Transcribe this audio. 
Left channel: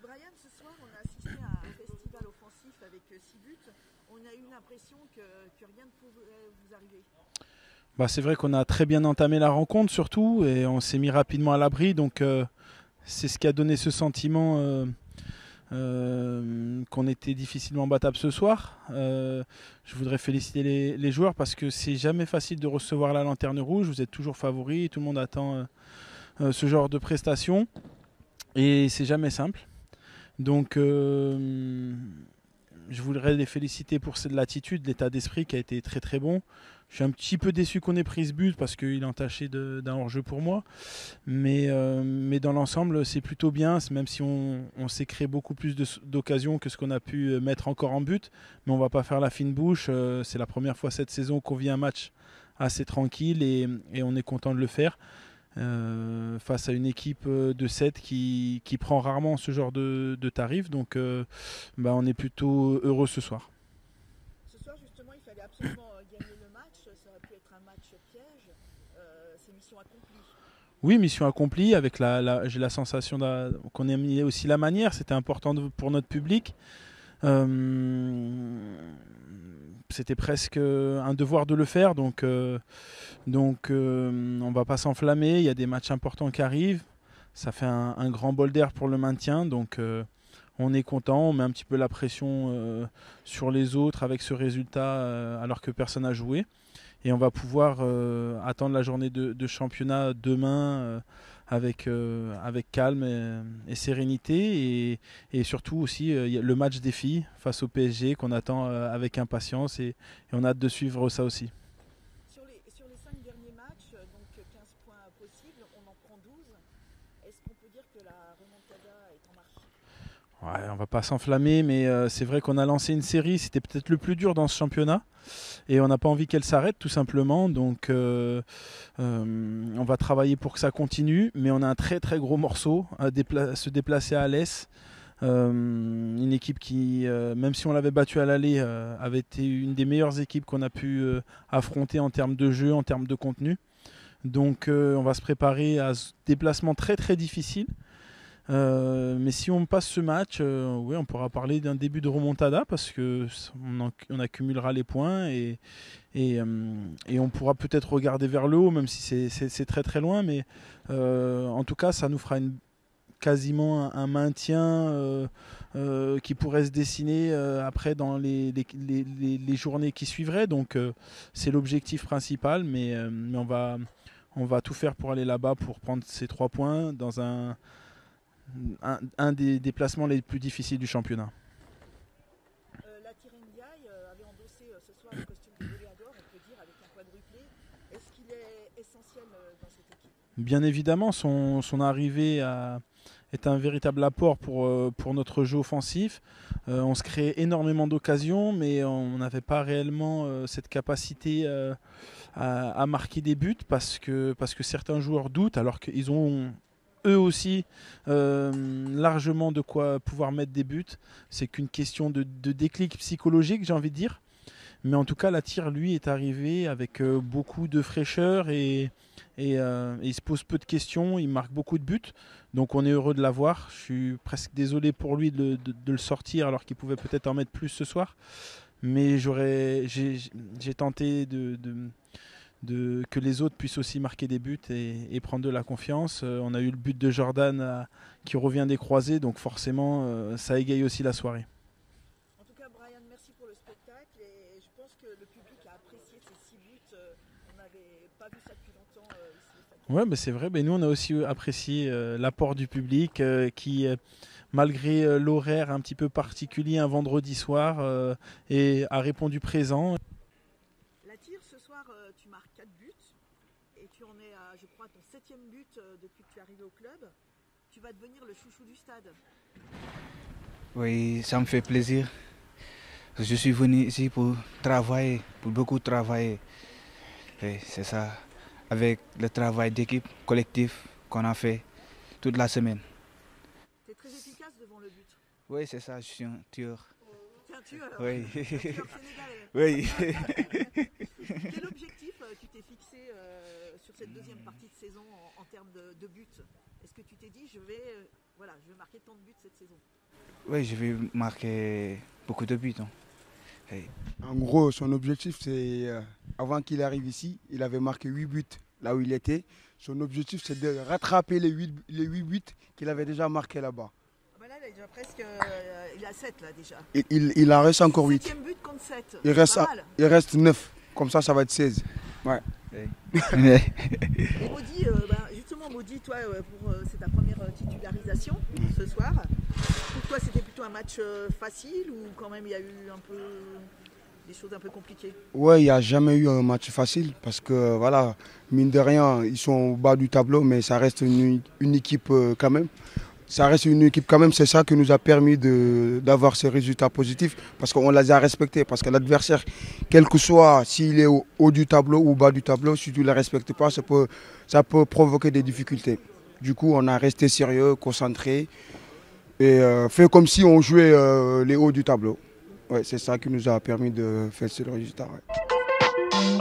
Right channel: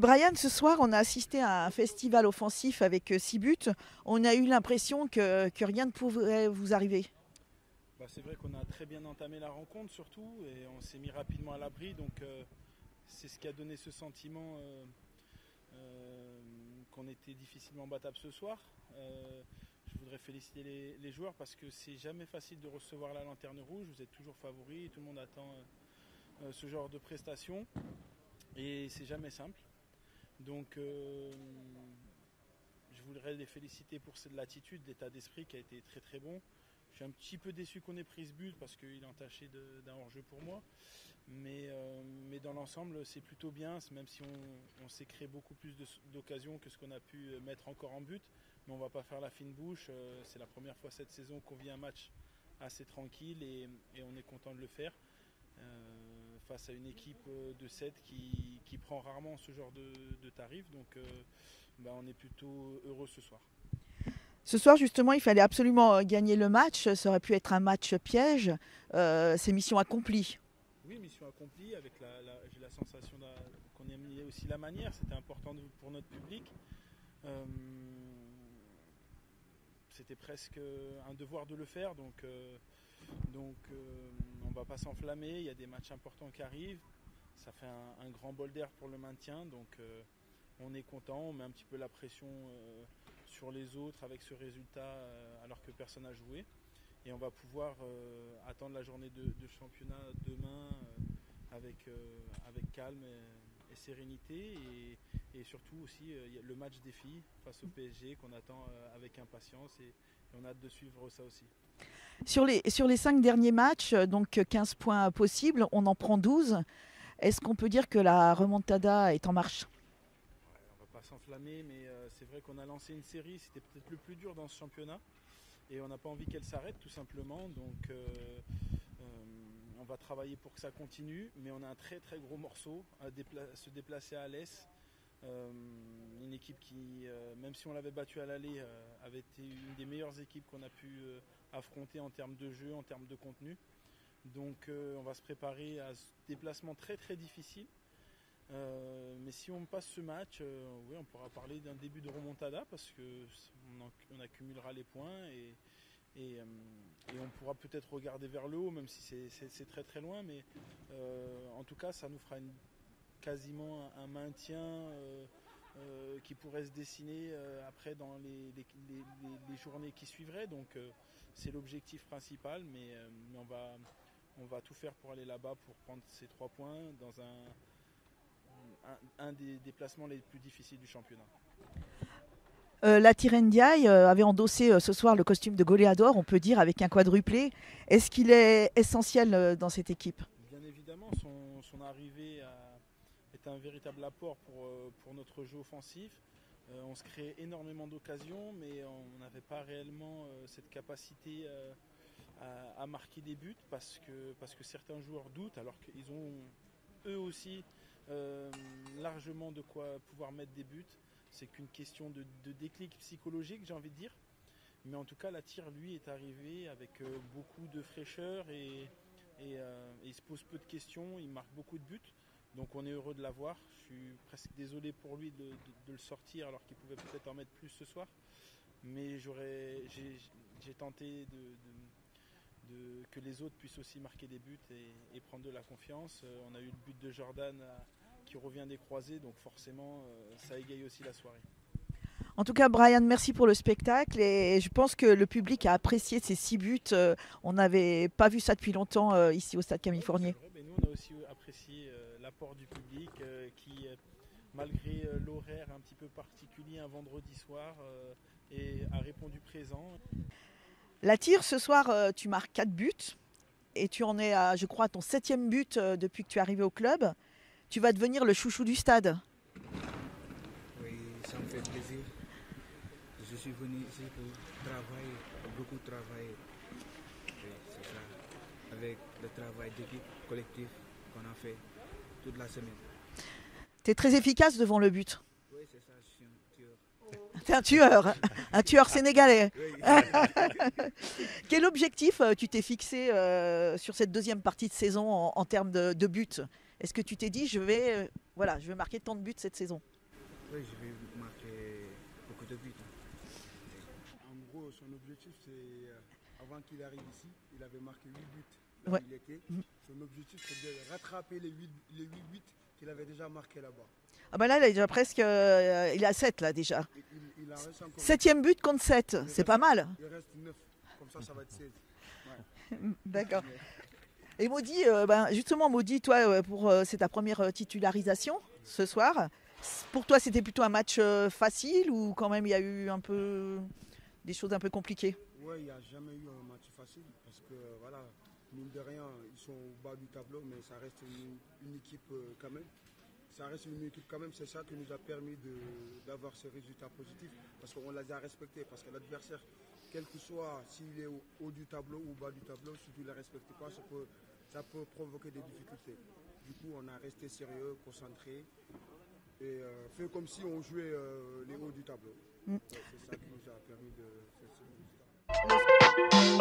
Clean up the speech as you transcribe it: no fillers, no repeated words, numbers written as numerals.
Brian, ce soir, on a assisté à un festival offensif avec 6 buts. On a eu l'impression que rien ne pouvait vous arriver. C'est vrai qu'on a très bien entamé la rencontre surtout et on s'est mis rapidement à l'abri. Donc c'est ce qui a donné ce sentiment qu'on était difficilement battable ce soir. Je voudrais féliciter les joueurs parce que c'est jamais facile de recevoir la lanterne rouge. Vous êtes toujours favoris, tout le monde attend ce genre de prestations et c'est jamais simple. Donc je voudrais les féliciter pour l'attitude, l'état d'esprit qui a été très très bon. Je suis un petit peu déçu qu'on ait pris ce but parce qu'il est entaché d'un hors-jeu pour moi. Mais dans l'ensemble, c'est plutôt bien, même si on s'est créé beaucoup plus d'occasions que ce qu'on a pu mettre encore en but. Mais on ne va pas faire la fine bouche. C'est la première fois cette saison qu'on vit un match assez tranquille et on est content de le faire. Face à une équipe de 7 qui prend rarement ce genre de tarif. Donc on est plutôt heureux ce soir. Ce soir, justement, il fallait absolument gagner le match. Ça aurait pu être un match piège. C'est mission accomplie. Oui, mission accomplie. J'ai la sensation qu'on ait mis aussi la manière. C'était important pour notre public. C'était presque un devoir de le faire. Donc on ne va pas s'enflammer. Il y a des matchs importants qui arrivent. Ça fait un grand bol d'air pour le maintien. Donc on est content, on met un petit peu la pression sur les autres avec ce résultat alors que personne n'a joué. Et on va pouvoir attendre la journée de championnat demain avec calme et sérénité. Et surtout aussi le match des filles face au PSG qu'on attend avec impatience et on a hâte de suivre ça aussi. Sur les 5 derniers matchs, donc 15 points possibles, on en prend 12. Est-ce qu'on peut dire que la remontada est en marche ? Ouais, on va pas s'enflammer, mais c'est vrai qu'on a lancé une série, c'était peut-être le plus dur dans ce championnat et on n'a pas envie qu'elle s'arrête tout simplement, donc on va travailler pour que ça continue, mais on a un très très gros morceau à se déplacer à Alès, une équipe qui, même si on l'avait battue à l'aller, avait été une des meilleures équipes qu'on a pu affronter en termes de jeu, en termes de contenu, donc on va se préparer à ce déplacement très très difficile. Mais si on passe ce match, oui, on pourra parler d'un début de remontada parce qu'on accumulera les points et on pourra peut-être regarder vers le haut, même si c'est très très loin. Mais en tout cas, ça nous fera quasiment un maintien qui pourrait se dessiner après dans les journées qui suivraient. Donc c'est l'objectif principal, mais on va tout faire pour aller là-bas pour prendre ces 3 points dans un des déplacements les plus difficiles du championnat. La Tir Ndiaye avait endossé ce soir le costume de goléador, on peut dire, avec un quadruplé. Est-ce qu'il est essentiel dans cette équipe ? Bien évidemment, son arrivée est un véritable apport pour notre jeu offensif. On se crée énormément d'occasions, mais on n'avait pas réellement cette capacité à marquer des buts parce que certains joueurs doutent alors qu'ils ont eux aussi largement de quoi pouvoir mettre des buts. C'est qu'une question de déclic psychologique, j'ai envie de dire. Mais en tout cas, la Tir, lui, est arrivé avec beaucoup de fraîcheur et il se pose peu de questions, il marque beaucoup de buts. Donc on est heureux de l'avoir. Je suis presque désolé pour lui de le sortir alors qu'il pouvait peut-être en mettre plus ce soir. Mais j'ai tenté que les autres puissent aussi marquer des buts et prendre de la confiance. On a eu le but de Jordan qui revient des croisés, donc forcément ça égaye aussi la soirée. En tout cas, Brian, merci pour le spectacle et je pense que le public a apprécié ces 6 buts. On n'avait pas vu ça depuis longtemps ici au Stade Camille Fournier. C'est vrai, nous on a aussi apprécié l'apport du public qui malgré l'horaire un petit peu particulier un vendredi soir a répondu présent. La Tir, ce soir, tu marques 4 buts et tu en es, je crois, à ton 7e but depuis que tu es arrivé au club. Tu vas devenir le chouchou du stade. Oui, ça me fait plaisir. Je suis venu ici pour travailler, pour beaucoup travailler. Et c'est ça, avec le travail d'équipe collectif qu'on a fait toute la semaine. Tu es très efficace devant le but. Oui, c'est ça, je suis un tueur. T'es un tueur, oui. Un tueur sénégalais. Oui. Quel objectif tu t'es fixé sur cette deuxième partie de saison en termes de buts ? Est-ce que tu t'es dit, je vais marquer tant de buts cette saison? Oui, je vais marquer beaucoup de buts. Hein. Et En gros, son objectif, c'est, avant qu'il arrive ici, il avait marqué 8 buts là où Ouais. il était. Son objectif, c'est de rattraper les 8 buts qu'il avait déjà marqués là-bas. Ah ben là, il est déjà presque, il est à 7 là déjà. Il en reste encore 8. 7e but contre 7, Il c'est reste pas un- mal. Il reste 9. Comme ça va être 16. Et Maudit, justement Maudit, toi, c'est ta première titularisation ce soir. Pour toi, c'était plutôt un match facile ou quand même il y a eu un peu des choses un peu compliquées? Ouais, il n'y a jamais eu un match facile parce que, voilà, mine de rien, ils sont au bas du tableau, mais ça reste une équipe quand même. Ça reste une équipe quand même, c'est ça qui nous a permis d'avoir ces résultats positifs parce qu'on les a respectés. Parce que l'adversaire, quel que soit s'il est au haut du tableau ou au bas du tableau, si tu ne le respectes pas, ça peut provoquer des difficultés. Du coup, on a resté sérieux, concentré et fait comme si on jouait les hauts du tableau. Ouais, c'est ça qui nous a permis de faire ce résultat. Ouais.